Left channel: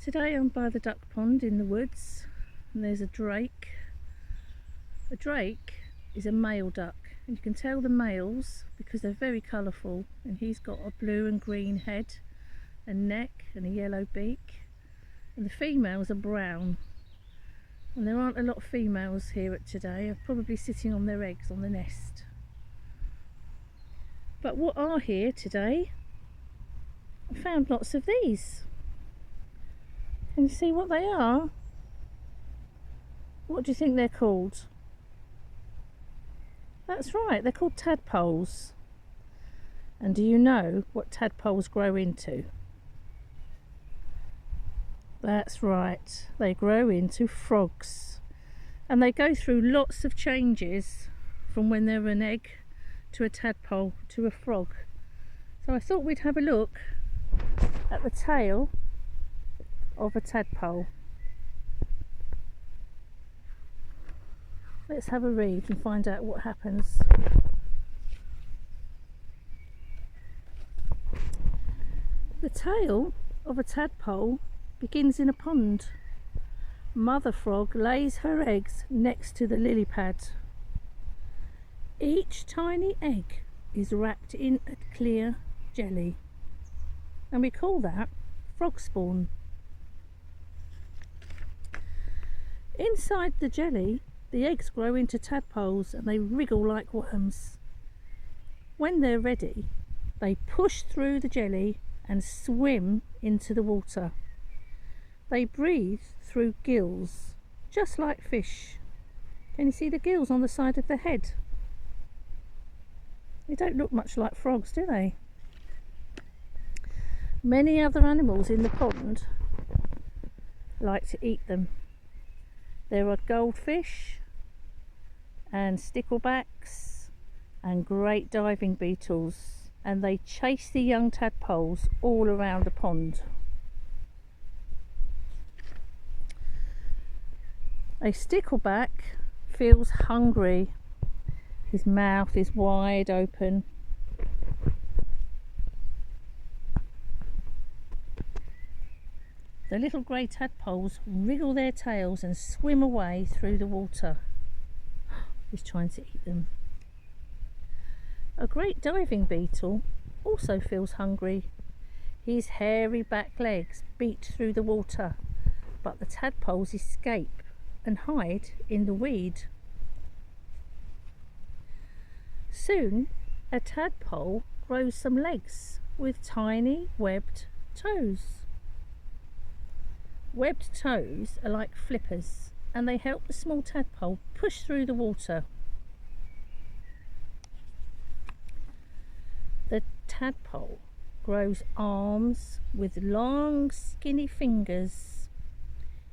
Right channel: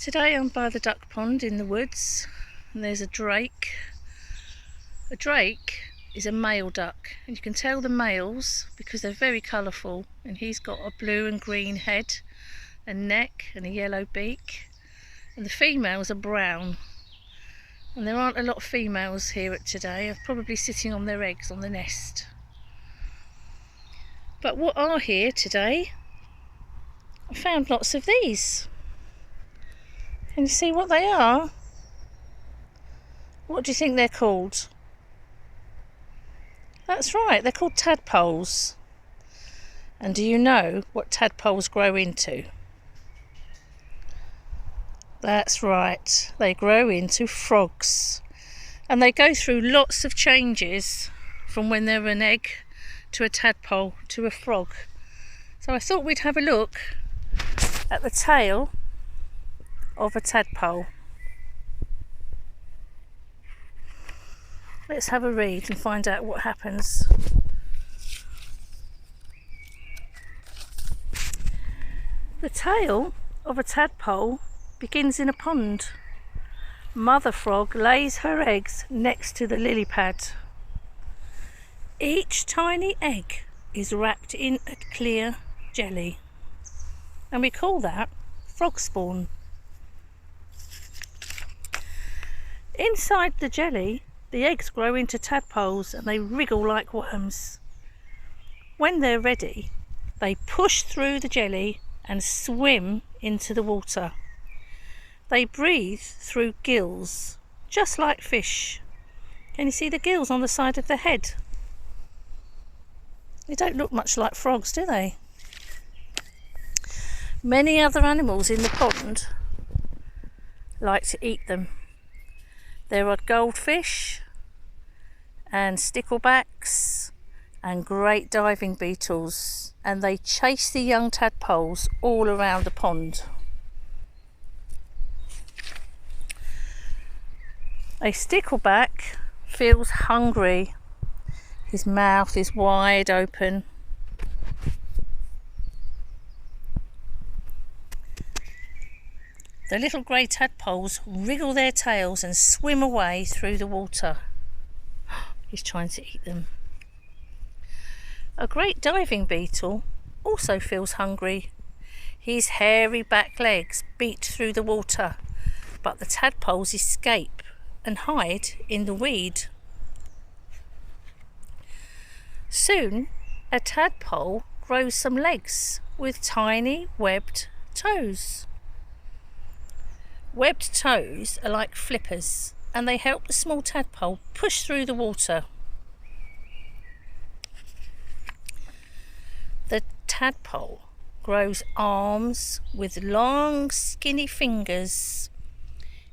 Today I'm by the duck pond in the woods and there's a drake. A drake is a male duck and you can tell the males because they're very colourful, and he's got a blue and green head and neck and a yellow beak, and the females are brown. And there aren't a lot of females here today, are probably sitting on their eggs on the nest. But what are here today, I found lots of these. Can you see what they are? What do you think they're called? That's right, they're called tadpoles. And do you know what tadpoles grow into? That's right, they grow into frogs. And they go through lots of changes from when they're an egg to a tadpole to a frog. So I thought we'd have a look at the tail of a tadpole. Let's have a read and find out what happens. The tail of a tadpole begins in a pond. Mother frog lays her eggs next to the lily pad. Each tiny egg is wrapped in a clear jelly, and we call that frog spawn. Inside the jelly, the eggs grow into tadpoles and they wriggle like worms. When they're ready, they push through the jelly and swim into the water. They breathe through gills, just like fish. Can you see the gills on the side of the head? They don't look much like frogs, do they? Many other animals in the pond like to eat them. There are goldfish and sticklebacks and great diving beetles, and they chase the young tadpoles all around the pond. A stickleback feels hungry. His mouth is wide open. The little grey tadpoles wriggle their tails and swim away through the water. He's trying to eat them. A great diving beetle also feels hungry. His hairy back legs beat through the water, but the tadpoles escape and hide in the weed. Soon, a tadpole grows some legs with tiny webbed toes. Webbed toes are like flippers, and they help the small tadpole push through the water. The tadpole grows arms with long skinny fingers.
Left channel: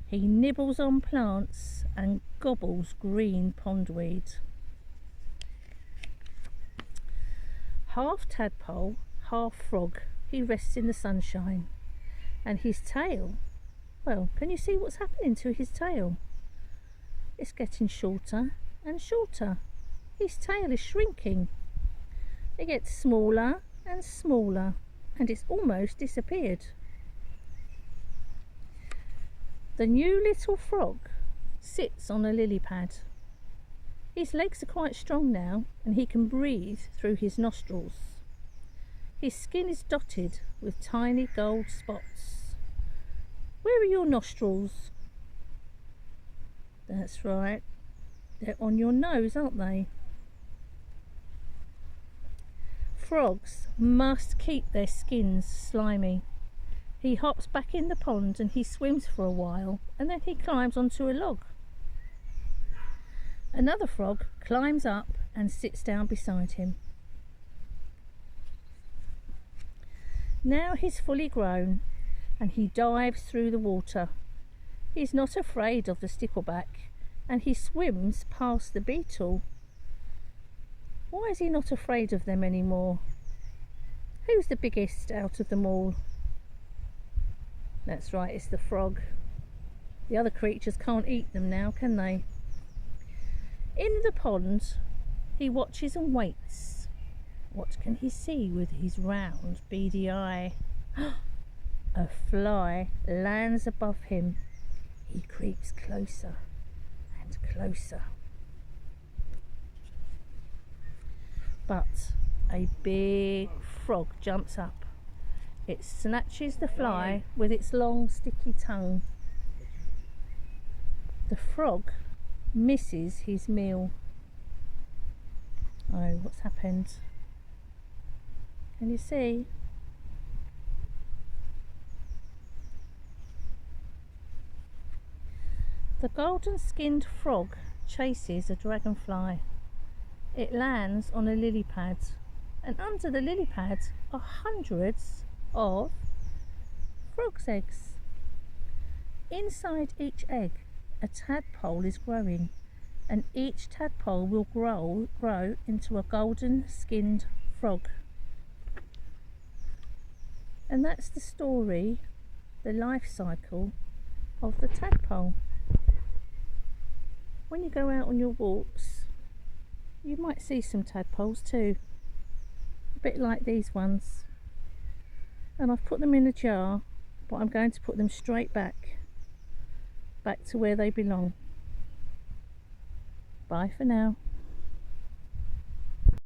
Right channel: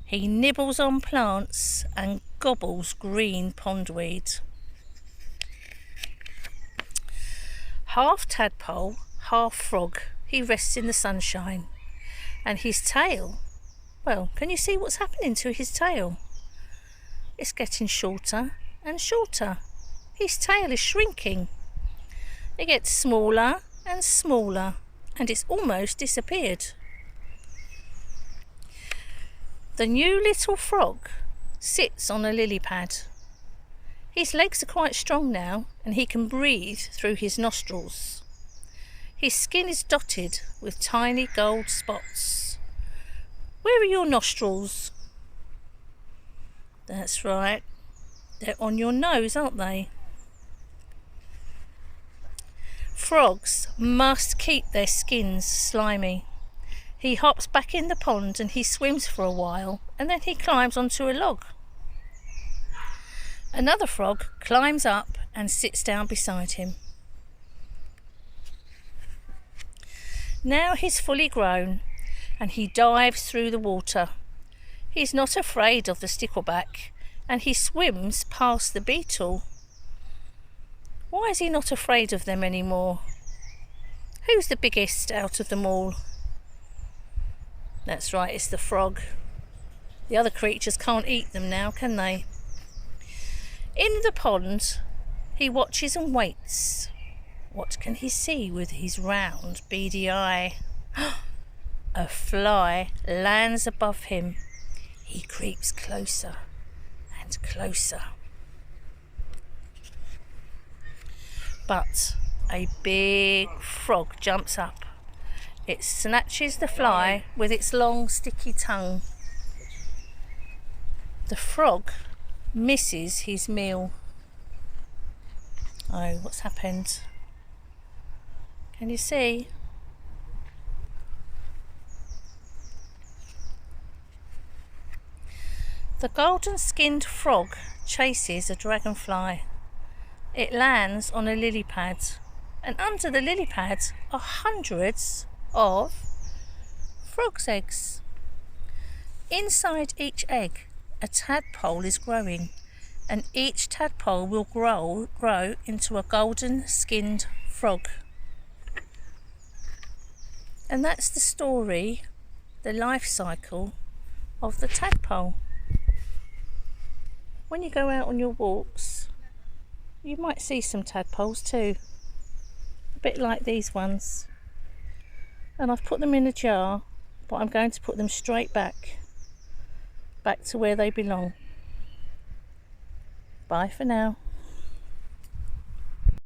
He nibbles on plants and gobbles green pondweed. Half tadpole, half frog, he rests in the sunshine, and his tail, well, can you see what's happening to his tail? It's getting shorter and shorter. His tail is shrinking. It gets smaller and smaller, and it's almost disappeared. The new little frog sits on a lily pad. His legs are quite strong now, and he can breathe through his nostrils. His skin is dotted with tiny gold spots. Where are your nostrils? That's right, they're on your nose, aren't they? Frogs must keep their skins slimy. He hops back in the pond and he swims for a while, and then he climbs onto a log. Another frog climbs up and sits down beside him. Now he's fully grown and he dives through the water. He's not afraid of the stickleback, and he swims past the beetle. Why is he not afraid of them anymore? Who's the biggest out of them all? That's right, it's the frog. The other creatures can't eat them now, can they? In the pond, he watches and waits. What can he see with his round, beady eye? a fly lands above him. He creeps closer and closer. But a big frog jumps up. It snatches the fly with its long sticky tongue. The frog misses his meal. Oh, what's happened? Can you see? The golden-skinned frog chases a dragonfly. It lands on a lily pad, and under the lily pad are hundreds of frog's eggs. Inside each egg, a tadpole is growing, and each tadpole will grow into a golden-skinned frog. And that's the story, the life cycle of the tadpole. When you go out on your walks, you might see some tadpoles too, a bit like these ones. And I've put them in a jar, but I'm going to put them straight back to where they belong. Bye for now.